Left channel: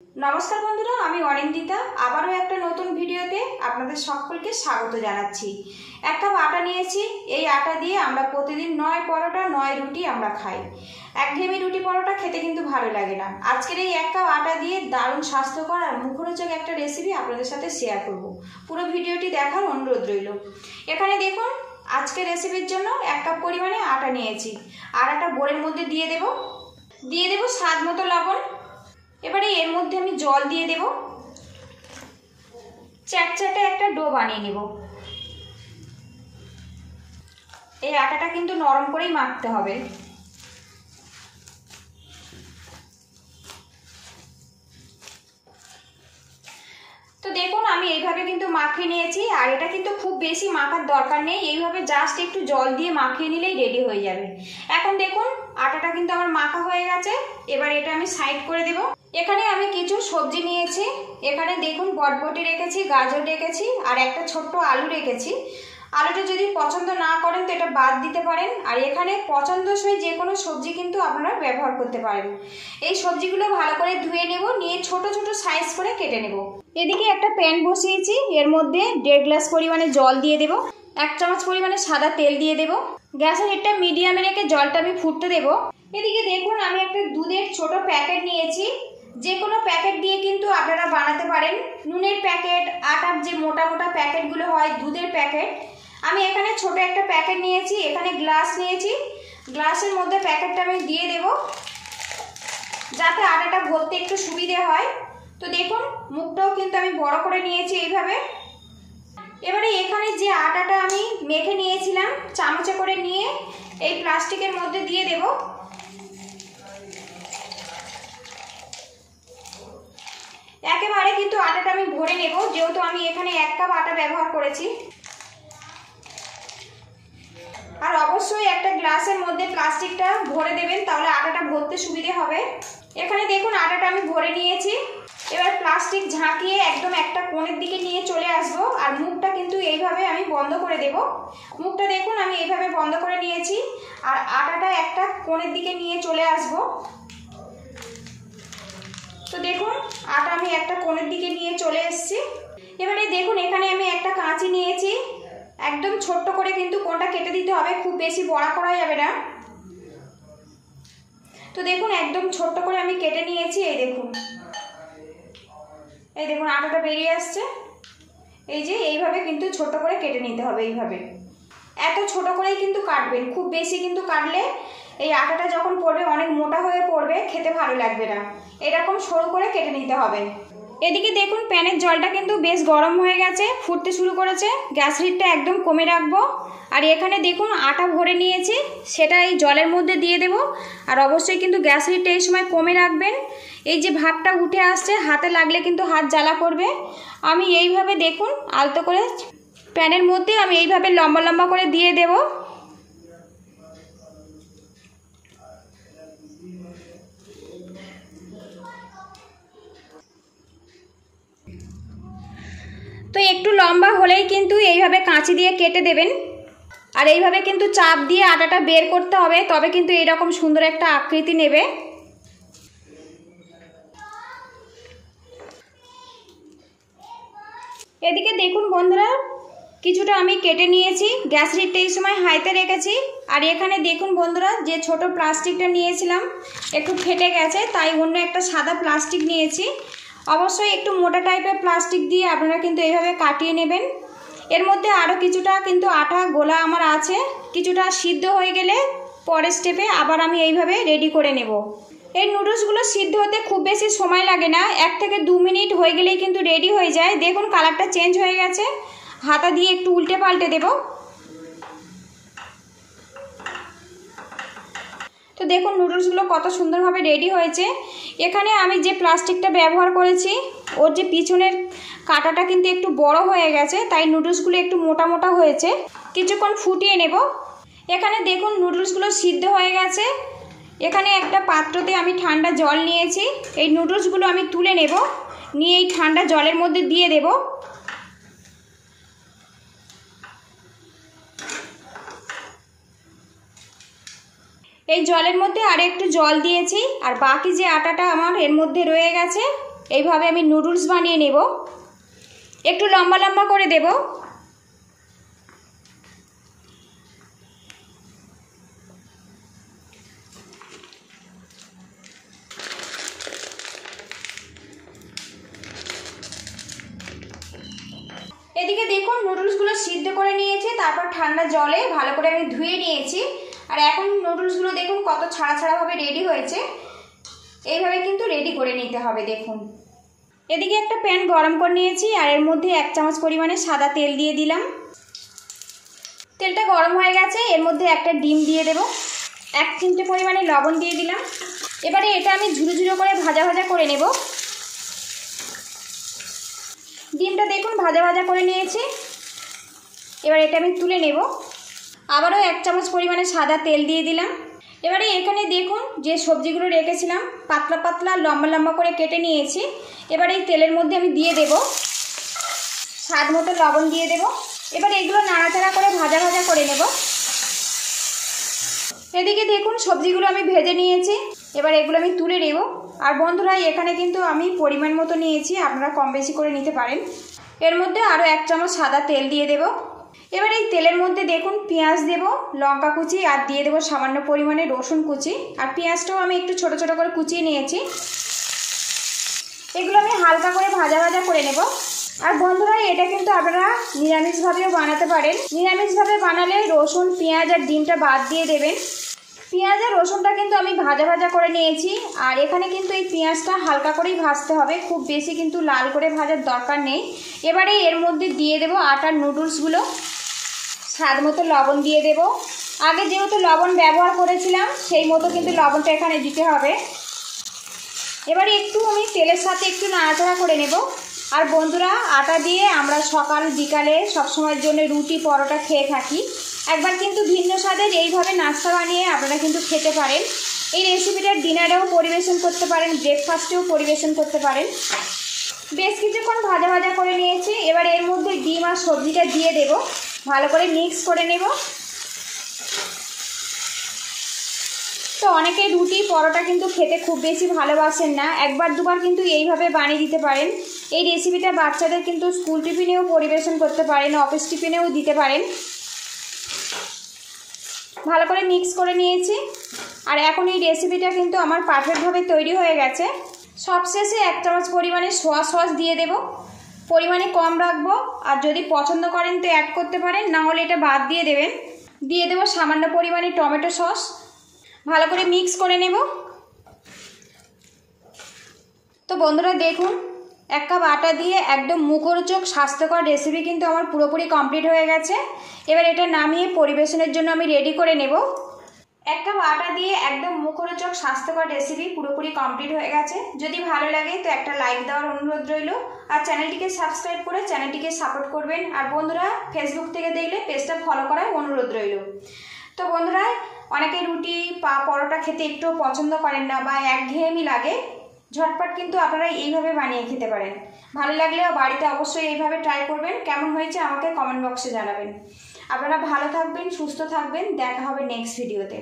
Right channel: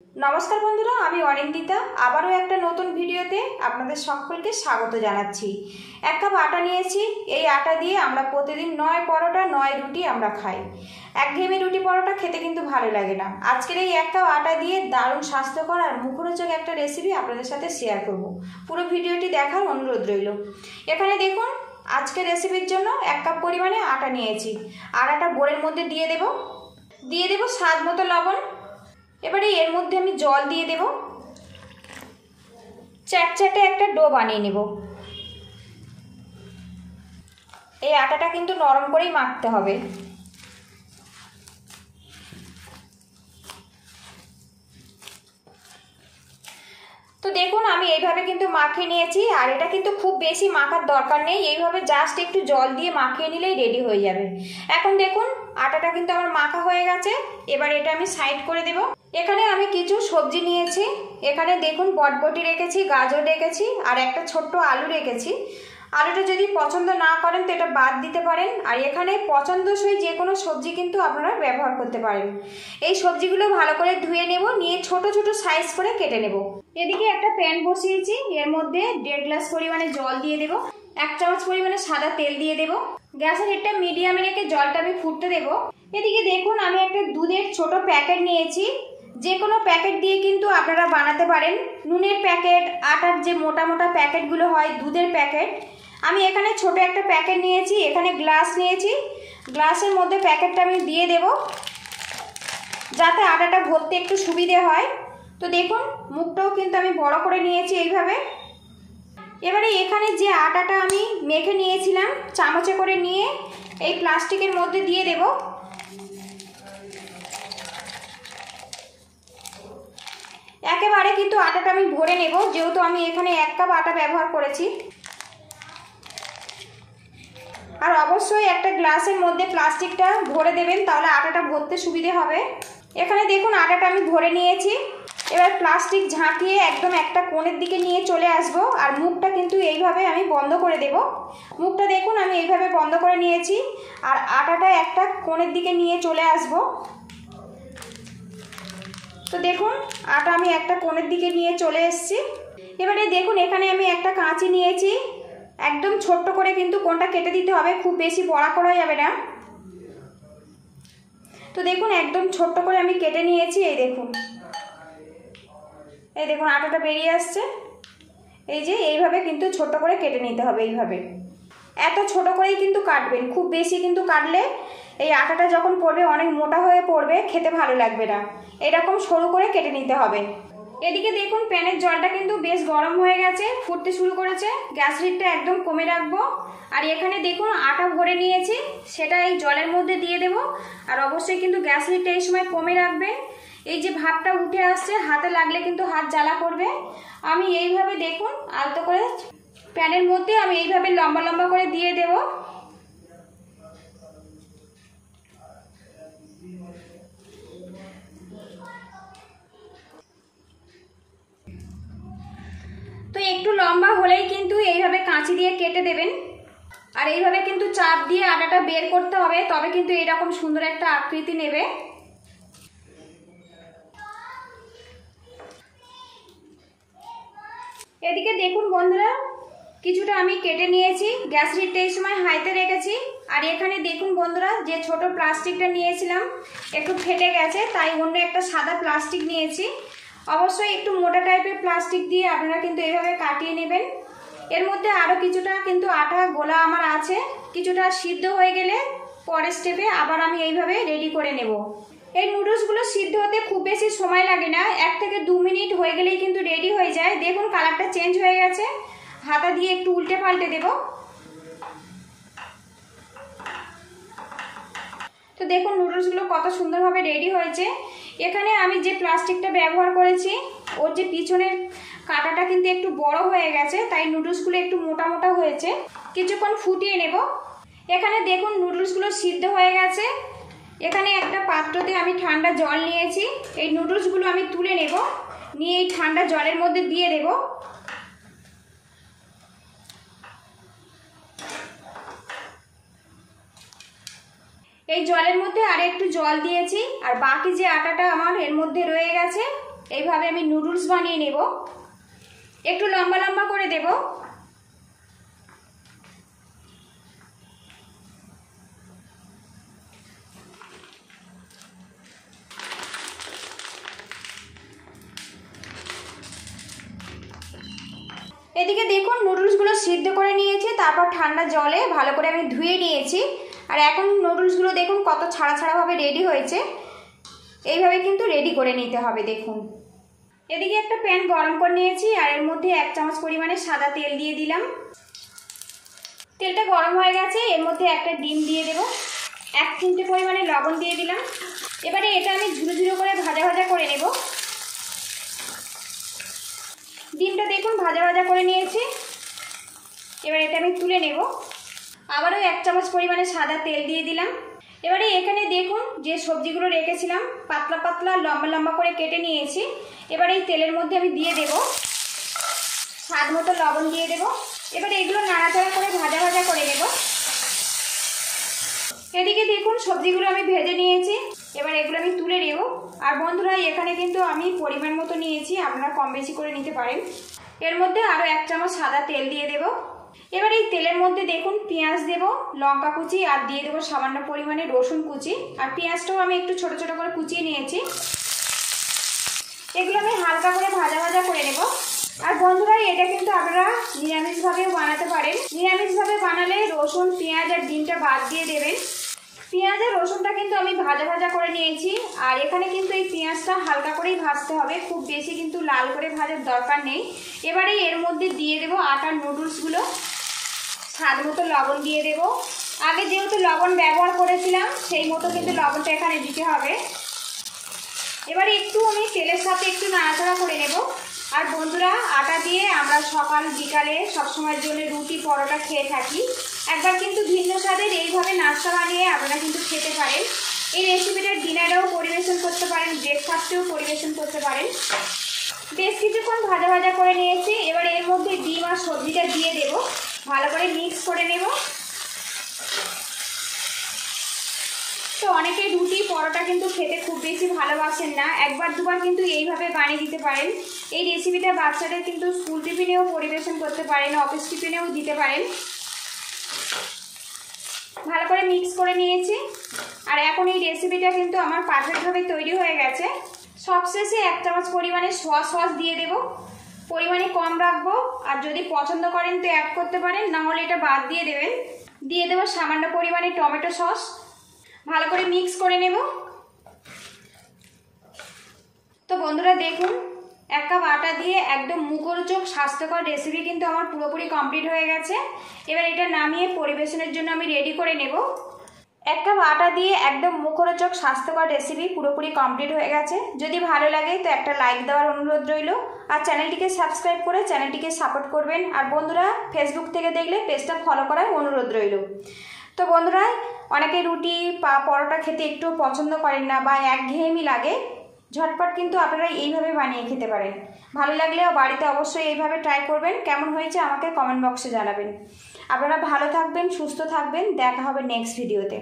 नमस्कार बंधुरा आमी अनिंदिता आबारो एक नतून भिडियोते आपनादेर सकलके स्वागत जानाच्छि। एक कप आटा नियेछि। एई आटा दिये आमरा प्रतिदिन 9 परोटा 9 रुटी आमरा खाई। एकघेয়েমি रुटी परोटा खेते किन्तु भालो लागे ना। आजकेर एई एक कप आटा दिये दारुण स्वास्थ्यकर और मुखरोचक एक रेसिपि आपनादेर साथे शेयर करब। पुरो भिडियोटी देखार अनुरोध रइल। एखाने देखुन आजकेर रेसिपिर जोन्नो एक कप परिमाणे आटा नियेछि। आटाटा बोलेर मध्य दिये देब स्वाद मतो लवण। এবারে এর মধ্যে আমি জল দিয়ে দেব। চ্যাটচ্যাটে একটা ডো বানিয়ে নেব। এই আটাটা কিন্তু নরম করেই মাখতে হবে। তো দেখুন আমি এইভাবে কিন্তু মাখিয়ে নিয়েছি আর এটা কিন্তু খুব বেশি মাখার দরকার নেই। এইভাবে জাস্ট একটু জল দিয়ে মাখিয়ে নিলেই রেডি হয়ে যাবে। এখন দেখুন আটাটা কিন্তু আমার মাখা হয়ে গেছে। এবার এটা আমি সাইড করে দেব। এখানে আমি কিছু সবজি নিয়েছি। এখানে দেখুন বটবটি রেখেছি, গাজর রেখেছি আর একটা ছোট্ট আলু রেখেছি। আলুটা যদি পছন্দ না করেন তো এটা বাদ দিতে পারেন। আর এখানে পছন্দসই যে কোনো সবজি কিন্তু আপনারা ব্যবহার করতে পারেন। এই সবজিগুলো ভালো করে ধুয়ে নেব, নিয়ে ছোট ছোট সাইজ করে কেটে নেব। এদিকে একটা প্যান বসিয়েছি, এর মধ্যে 1.5 গ্লাস পরিমাণে জল দিয়ে দেব। 1 চামচ পরিমাণে সাদা তেল দিয়ে দেব। গ্যাসের হিটটা মিডিয়ামে রেখে জলটা আমি ফুটতে দেব। এদিকে দেখুন আমি একটা দুধের ছোট প্যাকেট নিয়েছি। যে কোনো প্যাকেট দিয়ে কিন্তু আপনারা বানাতে পারেন। নুনের প্যাকেট, আটার যে মোটা মোটা প্যাকেটগুলো হয়, দুধের প্যাকেট। আমি এখানে ছোট একটা প্যাকেট নিয়েছি। এখানে গ্লাস নিয়েছি। গ্লাসের মধ্যে প্যাকেটটা আমি দিয়ে দেব যাতে আটাটা ভরতে একটু সুবিধে হয়। তো দেখুন মুখটাও কিন্তু আমি বড় করে নিয়েছি এইভাবে। এবারে এখানে যে আটাটা আমি মেখে নিয়েছিলাম চামচে করে নিয়ে এই প্লাস্টিকের মধ্যে দিয়ে দেব। একেবারে কিন্তু আটাটা আমি ভরে নেব, যেহেতু আমি এখানে 1 কাপ আটা ব্যবহার করেছি। আর অবশ্যই একটা গ্লাসের মধ্যে প্লাস্টিকটা ভরে দেবেন, তাহলে আটাটা ভরতে সুবিধে হবে। এখানে দেখুন আটাটা আমি ভরে নিয়েছি। এবার প্লাস্টিক ঝাঁকিয়ে একদম একটা কোণের দিকে নিয়ে চলে আসবো। আর মুখটা কিন্তু এইভাবে আমি বন্ধ করে দেব। মুখটা দেখুন আমি এইভাবে বন্ধ করে নিয়েছি। আর আটাটা একটা কোণের দিকে নিয়ে চলে আসবো। তো দেখুন আটা আমি একটা কোণের দিকে নিয়ে চলে এসেছি। এবারে দেখুন এখানে আমি একটা কাঁচি নিয়েছি। একদম ছোট্ট করে কিন্তু কোণটা কেটে দিতে হবে, খুব বেশি বড়া করা যাবে না। তো দেখুন একদম ছোট্ট করে আমি কেটে নিয়েছি। এই দেখুন আটাটা বেরিয়ে আসছে। এই যে এইভাবে কিন্তু ছোট করে কেটে নিতে হবে। এইভাবে এত ছোট করেই কিন্তু কাটবেন, খুব বেশি কিন্তু কাটলে এই আটাটা যখন পড়বে অনেক মোটা হয়ে পড়বে, খেতে ভালো লাগবে না। এরকম সরু করে কেটে নিতে হবে। এদিকে দেখুন প্যানের জলটা কিন্তু বেশ গরম হয়ে গেছে, ফুটতে শুরু করেছে। গ্যাস হিটটা একদম কমে রাখবো। আর এখানে দেখুন আটা ভরে নিয়েছি, সেটা এই জলের মধ্যে দিয়ে দেব। আর অবশ্যই কিন্তু গ্যাস হিটটা এই সময় কমে রাখবেন। এই যে ভাপটা উঠে আসছে, হাতে লাগলে কিন্তু হাত জ্বালা করবে। আমি এইভাবে দেখুন আলতো করে প্যানের মধ্যে আমি এইভাবে লম্বা লম্বা করে দিয়ে দেব। তো একটু লম্বা হলেই কিন্তু এইভাবে কাঁচি দিয়ে কেটে দেবেন। আর এইভাবে কিন্তু চাপ দিয়ে আটাটা বের করতে হবে, তবে কিন্তু এরকম সুন্দর একটা আকৃতি নেবে। এদিকে দেখুন বন্ধুরা কিছুটা আমি কেটে নিয়েছি। গ্যাস হিটটা এই সময় হাইতে রেখেছি। আর এখানে দেখুন বন্ধুরা যে ছোট প্লাস্টিকটা নিয়েছিলাম একটু ফেটে গেছে, তাই অন্য একটা সাদা প্লাস্টিক নিয়েছি। অবশ্যই একটু মোটা টাইপের প্লাস্টিক দিয়ে আপনারা কিন্তু এইভাবে কাটিয়ে নেবেন। এর মধ্যে আরও কিছুটা কিন্তু আটা গোলা আমার আছে। কিছুটা সিদ্ধ হয়ে গেলে পরের স্টেপে আবার আমি এইভাবে রেডি করে নেব। এই নুডলসগুলো সিদ্ধ হতে খুব বেশি সময় লাগে না, 1 থেকে 2 মিনিট হয়ে গেলেই কিন্তু রেডি হয়ে যায়। দেখুন কালারটা চেঞ্জ হয়ে গেছে। হাতা দিয়ে একটু উল্টে পাল্টে দেব। তো দেখুন নুডলসগুলো কত সুন্দরভাবে রেডি হয়েছে। এখানে আমি যে প্লাস্টিকটা ব্যবহার করেছি ওর যে পিছনের কাঁটাটা কিন্তু একটু বড় হয়ে গেছে, তাই নুডলসগুলো একটু মোটা মোটা হয়েছে। কিছুক্ষণ ফুটিয়ে নেব। এখানে দেখুন নুডলসগুলো সিদ্ধ হয়ে গেছে। এখানে একটা পাত্রতে আমি ঠান্ডা জল নিয়েছি। এই নুডলসগুলো আমি তুলে নেব, নিয়ে এই ঠান্ডা জলের মধ্যে দিয়ে দেব। এই জলের মধ্যে আর একটু জল দিয়েছি। আর বাকি যে আটাটা আমার এর মধ্যে রয়ে গেছে এইভাবে আমি নুডলস বানিয়ে নেব। একটু লম্বা লম্বা করে দেব। এদিকে দেখুন নুডলসগুলো সিদ্ধ করে নিয়েছি, তারপর ঠান্ডা জলে ভালো করে আমি ধুয়ে নিয়েছি। আর এখন নুডলসগুলো দেখুন কত ছাড়া ছাড়াভাবে রেডি হয়েছে। এইভাবে কিন্তু রেডি করে নিতে হবে। দেখুন এদিকে একটা প্যান গরম করে নিয়েছি আর এর মধ্যে 1 চামচ পরিমাণে সাদা তেল দিয়ে দিলাম। তেলটা গরম হয়ে গেছে, এর মধ্যে একটা ডিম দিয়ে দেব। 1 চিমটে পরিমাণে লবণ দিয়ে দিলাম। এবারে এটা আমি ঝুরো ঝুরো করে ভাজা ভাজা করে নেব। ডিমটা দেখুন ভাজা ভাজা করে নিয়েছি। এবার এটা আমি তুলে নেব। আবারও 1 চামচ পরিমাণে সাদা তেল দিয়ে দিলাম। এবারে এখানে দেখুন যে সবজিগুলো রেখেছিলাম পাতলা পাতলা লম্বা লম্বা করে কেটে নিয়েছি। এবার এই তেলের মধ্যে আমি দিয়ে দেব। স্বাদ মতো লবণ দিয়ে দেব। এবার এগুলো নাড়াচাড়া করে ভাজা ভাজা করে নেব। এদিকে দেখুন সবজিগুলো আমি ভেজে নিয়েছি। এবার এগুলো আমি তুলে নেব। আর বন্ধুরা এখানে কিন্তু আমি পরিমাণ মতো নিয়েছি, আপনারা কম বেশি করে নিতে পারেন। এর মধ্যে আরও 1 চামচ সাদা তেল দিয়ে দেব। এবার এই তেলের মধ্যে দেখুন পেঁয়াজ দেব, লঙ্কা কুচি আর দিয়ে দেবো সামান্য পরিমাণে রসুন কুচি। আর পেঁয়াজটাও আমি একটু ছোট ছোট করে কুচিয়ে নিয়েছি। এগুলো আমি হালকা করে ভাজা ভাজা করে নেব। আর বন্ধুরা এটা কিন্তু আপনারা নিরামিষভাবেও বানাতে পারেন। নিরামিষভাবে বানালে রসুন পেঁয়াজ আর ডিমটা বাদ দিয়ে দেবেন। পেঁয়াজ আর রসুনটা কিন্তু আমি ভাজা ভাজা করে নিয়েছি। আর এখানে কিন্তু এই পেঁয়াজটা হালকা করেই ভাজতে হবে, খুব বেশি কিন্তু লাল করে ভাজার দরকার নেই। এবারে এর মধ্যে দিয়ে দেব আটার নুডলসগুলো। স্বাদ মতো লবণ দিয়ে দেব। আগে যেহেতু লবণ ব্যবহার করেছিলাম সেই মতো কিন্তু লবণটা এখানে দিতে হবে। এবারে একটু আমি তেলের সাথে একটু নাড়াচাড়া করে নেব। আর বন্ধুরা আটা দিয়ে আমরা সকাল বিকালে সবসময়ের জন্য রুটি পরোটা খেয়ে থাকি। একবার কিন্তু ভিন্ন স্বাদের এইভাবে নাস্তা বানিয়ে আপনারা কিন্তু খেতে পারেন। এই রেসিপিটা ডিনারেও পরিবেশন করতে পারেন, ব্রেকফাস্টেও পরিবেশন করতে পারেন। বেশ কিছুক্ষণ ভাজা ভাজা করে নিয়েছি। এবার এর মধ্যে ডিম আর সবজিটা দিয়ে দেব, ভালো করে মিক্স করে নেব। তো অনেকে রুটি পরোটা কিন্তু খেতে খুব বেশি ভালোবাসেন না, একবার দুবার কিন্তু এইভাবে বানিয়ে দিতে পারেন। এই রেসিপিটা বাচ্চাদের কিন্তু স্কুল টিফিনেও পরিবেশন করতে পারেন, অফিস টিফিনেও দিতে পারেন। ভালো করে মিক্স করে নিয়েছি। আর এখন এই রেসিপিটা কিন্তু আমার পারফেক্টভাবে তৈরি হয়ে গেছে। সবশেষে 1 চামচ পরিমাণে সোয়া সস দিয়ে দেব। পরিমাণে কম রাখবো, আর যদি পছন্দ করেন তো অ্যাড করতে পারেন, না হলে এটা বাদ দিয়ে দেবেন। দিয়ে দেব সামান্য পরিমাণে টমেটো সস। ভালো করে মিক্স করে নেব। তো বন্ধুরা দেখুন 1 কাপ আটা দিয়ে একদম মুখরোচক স্বাস্থ্যকর রেসিপি কিন্তু আমার পুরোপুরি কমপ্লিট হয়ে গেছে। এবার এটা নামিয়ে পরিবেশনের জন্য আমি রেডি করে নেব। 1 কাপ আটা দিয়ে একদম মুখরোচক স্বাস্থ্যকর রেসিপি পুরোপুরি কমপ্লিট হয়ে গেছে। যদি ভালো লাগে তো একটা লাইক দেওয়ার অনুরোধ রইল। আর চ্যানেলটিকে সাবস্ক্রাইব করে চ্যানেলটিকে সাপোর্ট করবেন। আর বন্ধুরা ফেসবুক থেকে দেখলে পেজটা ফলো করার অনুরোধ রইল। তো বন্ধুরা অনেকে রুটি পরোটা খেতে একটু পছন্দ করেন না বা একঘেয়েমি লাগে, ঝটপট কিন্তু আপনারা এইভাবে বানিয়ে খেতে পারেন। ভালো লাগলে বাড়িতে অবশ্যই এইভাবে ট্রাই করবেন। কেমন হয়েছে আমাকে কমেন্ট বক্সে জানাবেন। আপনারা ভালো থাকবেন, সুস্থ থাকবেন। দেখা হবে নেক্সট ভিডিওতে।